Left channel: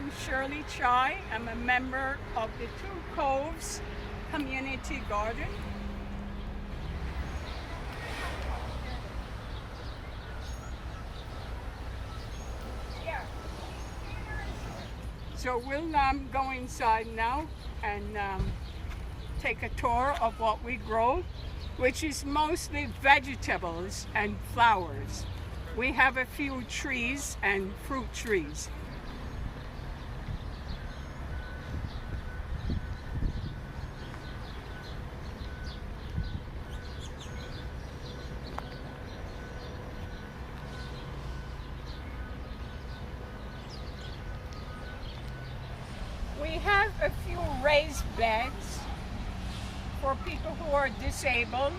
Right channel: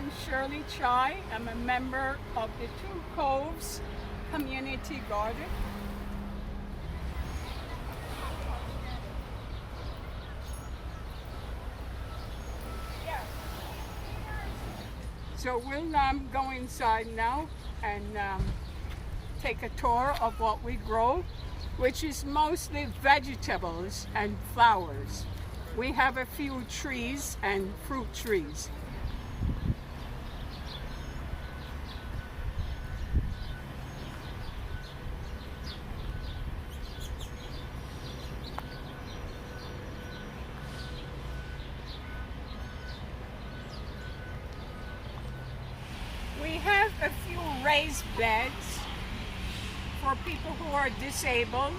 I'm Shirley. I'm a member of the Two Coves Community Garden. So we'll go inside now and take a tour of what we grow, which is mostly vegetables and flowers. We have a few trees and fruit trees. We have a few raised beds for people who are disabled.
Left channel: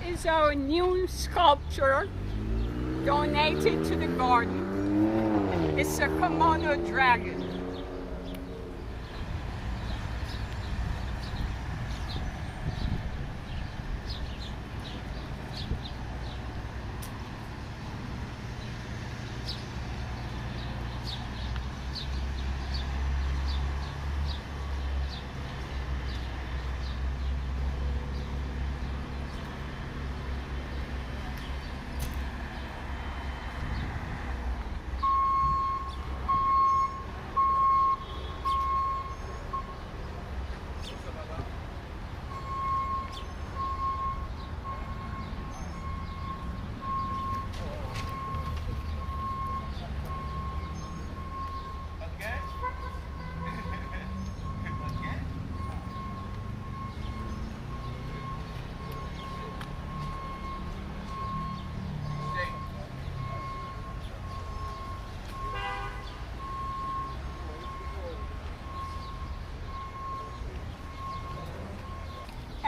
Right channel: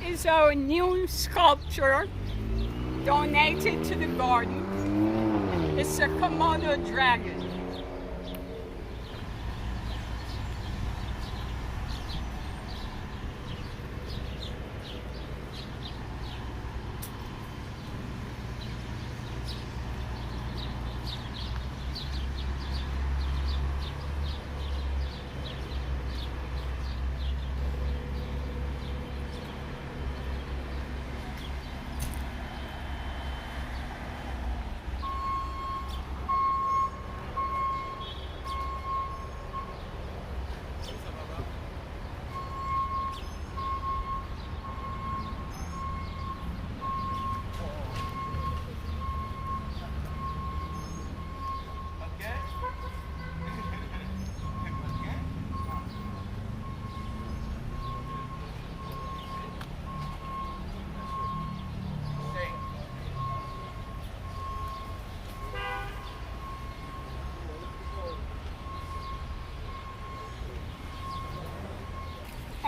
Is our new sculpture donated to the garden. It's a Komodo dragon.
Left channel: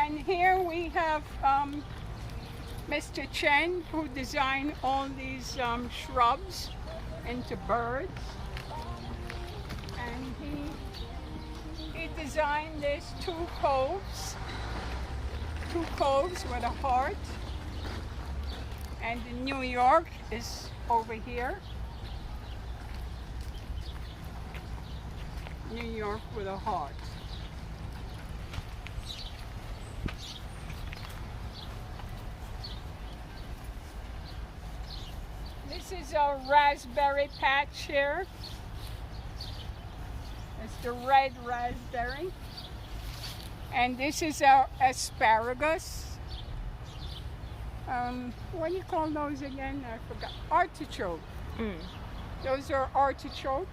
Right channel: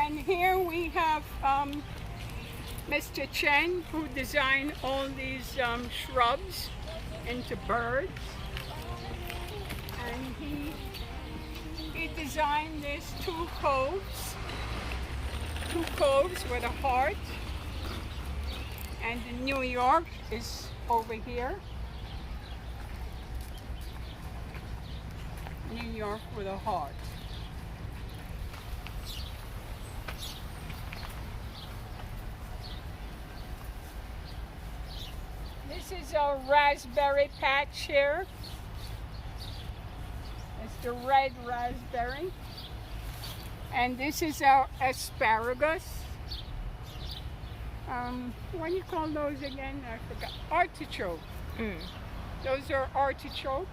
And here we have Mr. Chen, who designed all these shrubs into birds. And he designed these two coves with a heart. And the New York is over here. New York with a heart. This is our raspberry patch here. It's the red raspberry. And this is our asparagus. What do you call those again? I forgot. Artichoke. Those are artichoke.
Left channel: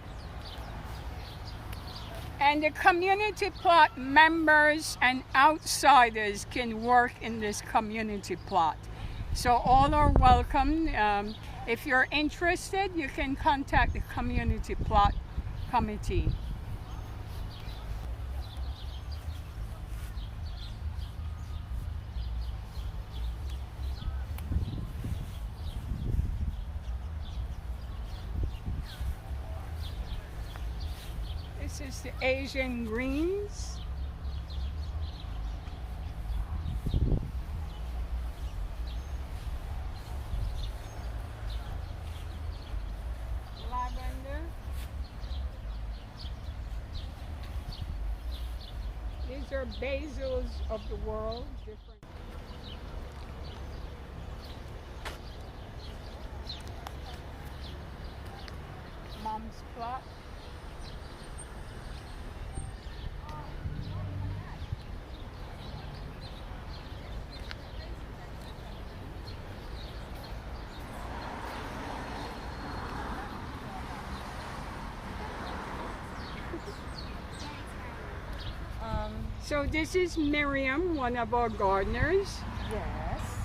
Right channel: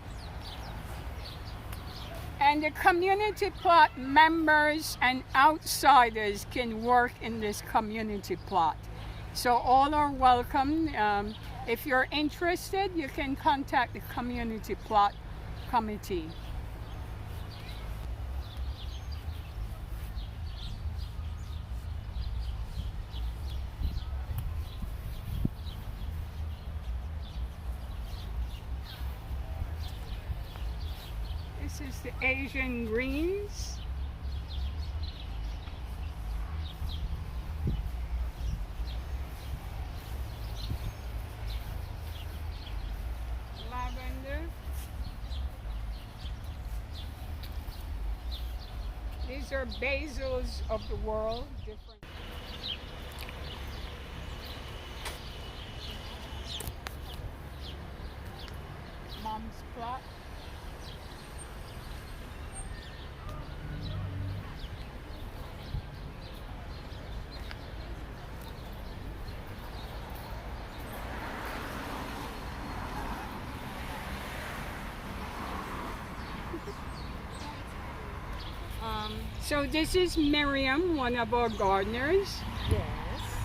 And the community plot members and outsiders can work in this community plot. So all are welcome. If you're interested, you can contact the community plot committee. This is the Asian greens. These are basils of the world. Different. Mom's plot. So this is Miriam, one of our gardeners. Yes.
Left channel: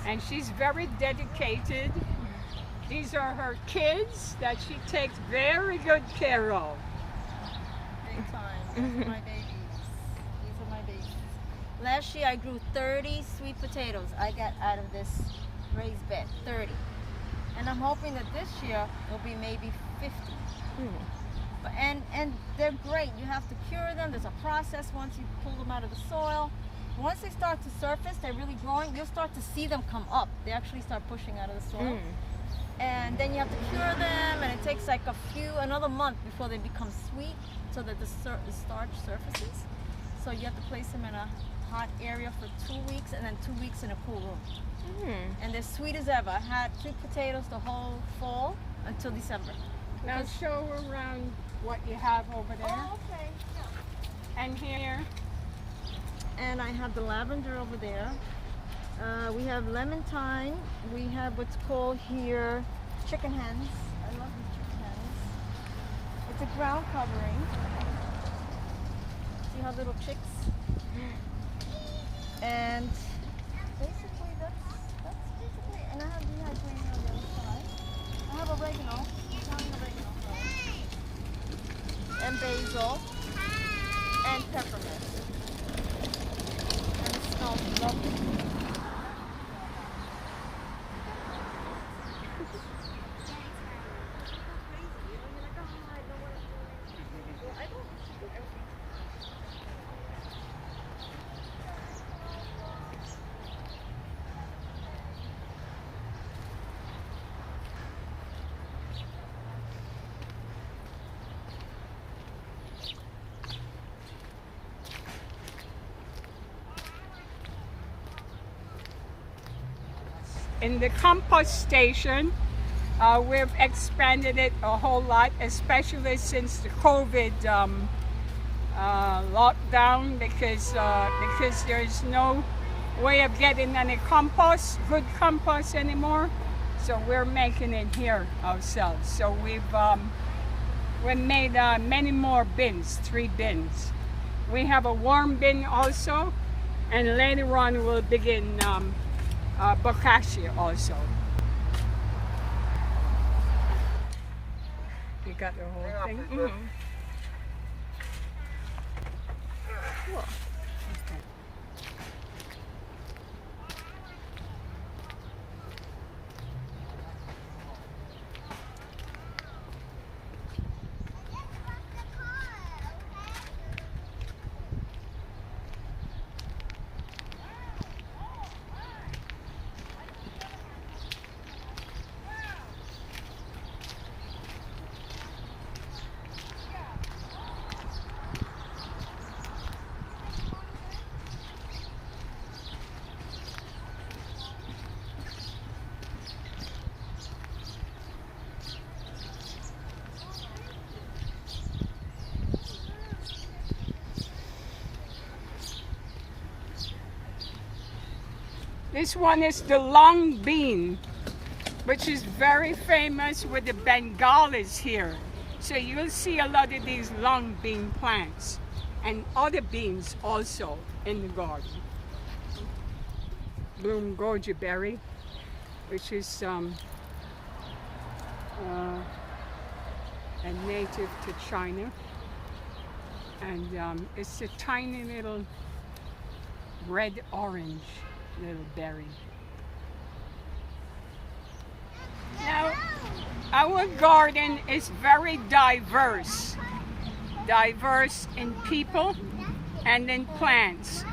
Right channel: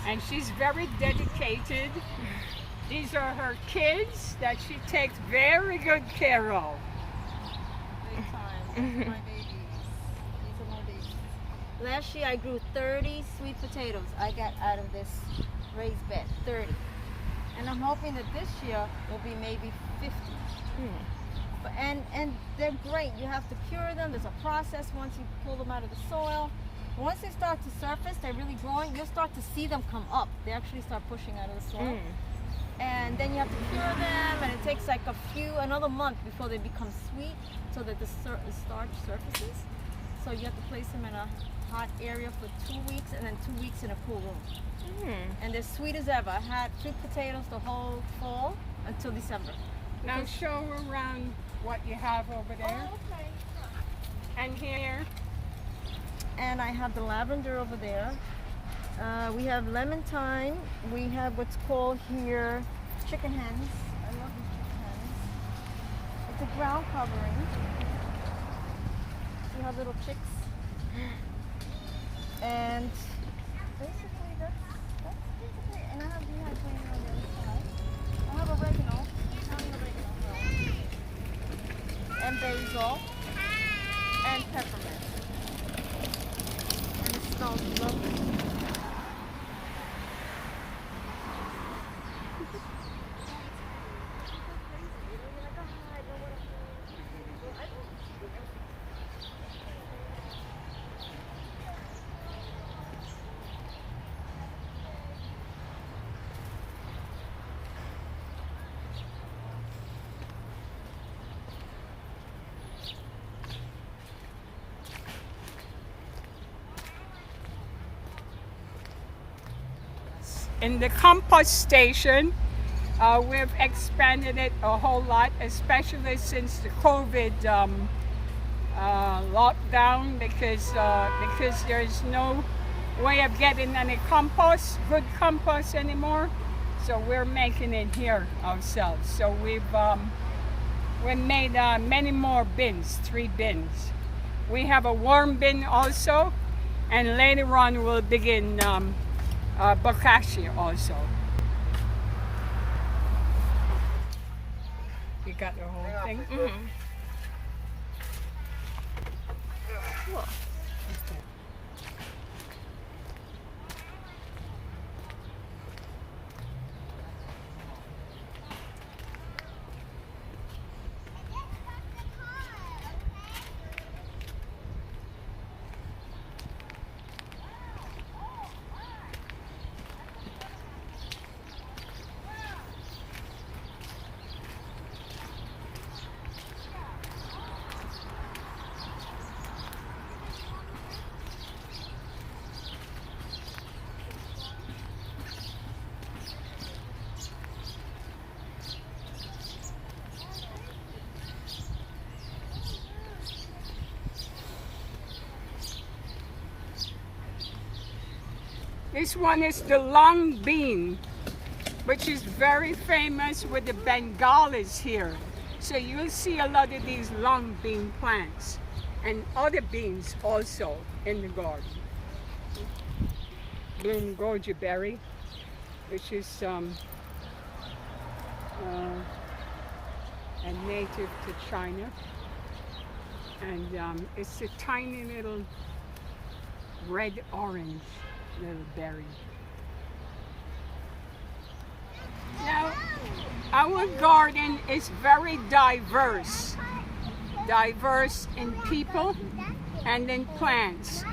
And she's very dedicated These are her kids that she takes very good care of. These are my babies. These are my babies. Last year I grew 30 sweet potatoes I got out of this raised bed. 30. And I'm hoping that this year will be maybe 50. And they're great. You have to cure them. There's a process once you pull them out of the soil. Once they start to surface, they're really growing, you'll start to see them come up. They actually start pushing out of the soil. And then you have to cure them, and it takes like another month before they become sweet, so that the starch surfaces. So you have to place them in a hot area for 2 weeks, and then 2 weeks in a cool room. And they're sweet as ever. I had sweet potatoes the whole fall until December. Now show around what you have over there. Oh, okay. And here. And I have the lavender over there. We have lemon thyme. We have what's called here chicken hens. I love these chicken hens. It's a ground covering. See how little chicks? And basically that's basically. And I have dehydrating on the other side. I have oregano, Italian oregano, and basil, and peppermint. And it smells lovely. In the compost station, we've expanded it a whole lot, especially since the COVID lockdown, because there's no way of getting any good compost anymore. So we're making it here ourselves. So we've made many more bins, 3 bins. We have a warm bin also, and later on we'll begin bokashi also. You got the whole thing? Cool. Okay. This one is the long bean, which is very famous with the Bengalis here. So you'll see a lot of these long bean plants and other beans also in the garden. Bloom goji berry, which is a native to China. And it's a tiny little red-orange little berry. Now, our garden is very diverse in people and in plants.